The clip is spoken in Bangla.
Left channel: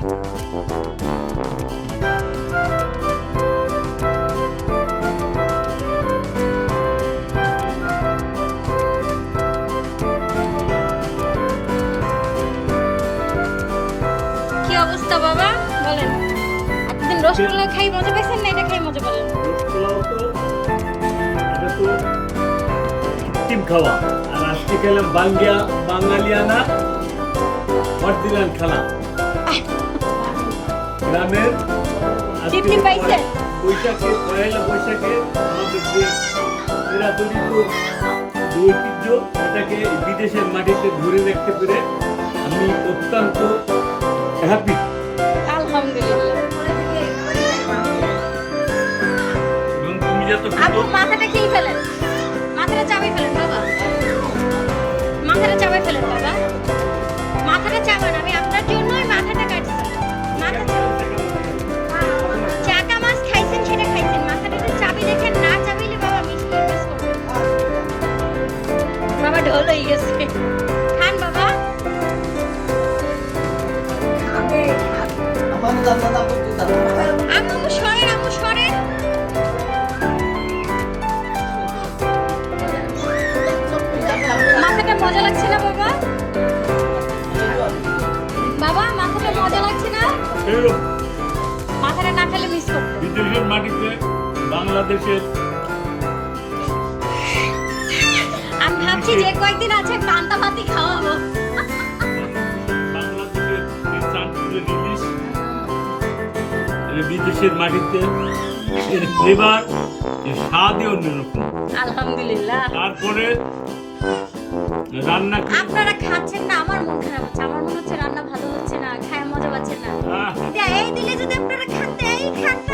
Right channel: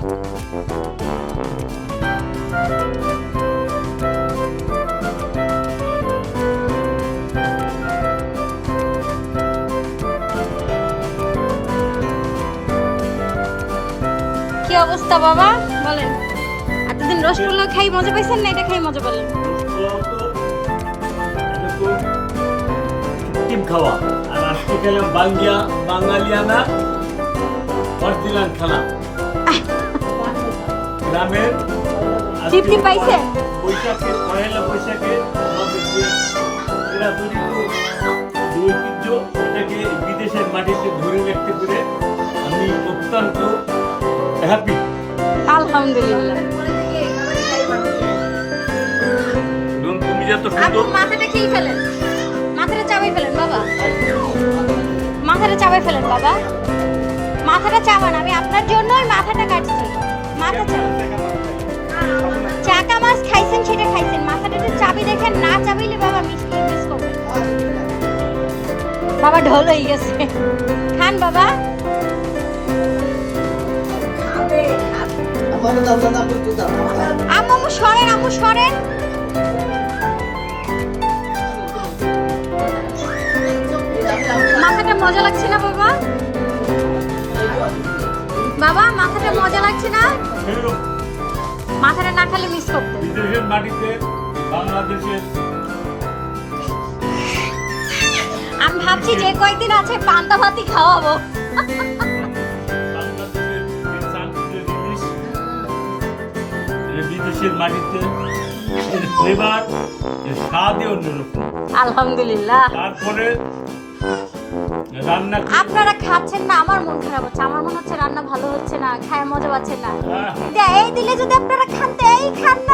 কি অবস্থা বাবা বলেন? এতদিন রসগোল্লা খাই মজা পাইছেন না এটা খাই মজা পেলেন? টিম খাওয়া আর আজকে খেলাম বাঙালিয়ানা মারদিলান খানা গ্রামের তৃপ্তি পাইছে? বৈশাখে পয়লা বৈশাখে আমাদের যে চিরাচরিত যে ঐতিহ্য এটাকে বিদেশের মাটিতে ধরে রাখতে পেরে আমি অত্যন্ত হ্যাপি। আলহামদুলিল্লাহ। আপু মাথাটা খেয়ে ফেলেন, মাথাটা চাবাই ফেলেন বাবা, মাথাটা চাবাই ফেলেন বাবা, মাথাটা চাবান। আমি আপনার জন্যই মাথাটা কাটছি। মাথা চাকা মাছ খাইছেন সেটা খাইছেন, মাথাটা তো চাবি দেখেন, না চাবিলে বাবা মিস করবেন। বাবা ঢোল হয়ে গেছে, খান বাবা। আম্মু সরেন, আম্মু সরেন। মাথাটা মজা লাগছে না বাবা? বাবা মাথাটা মজা লাগছে না? মাথাটা না খেলে মিস করবো। বিদেশের মাটিতে বাংলাদেশের আমি ভাবছি যে কয়েকদিন আছে পান্তা ভাতই খাওয়াবো। বাংলাদেশের এই চাঁদপুরের ইলিশ বিদেশের মাটিতে এর ফ্লেভার এর স্বাদই অন্যরকম। আলহামদুলিল্লাহ। তারপরে রান্না আপনারা খাচ্ছেন না, আমার মন খারাপ হচ্ছে। আমার মনে হচ্ছে রান্না ভালো হচ্ছে না, খায় মজা পাচ্ছেন না। এই দিলে যদি আপনারা খান, এই খান না।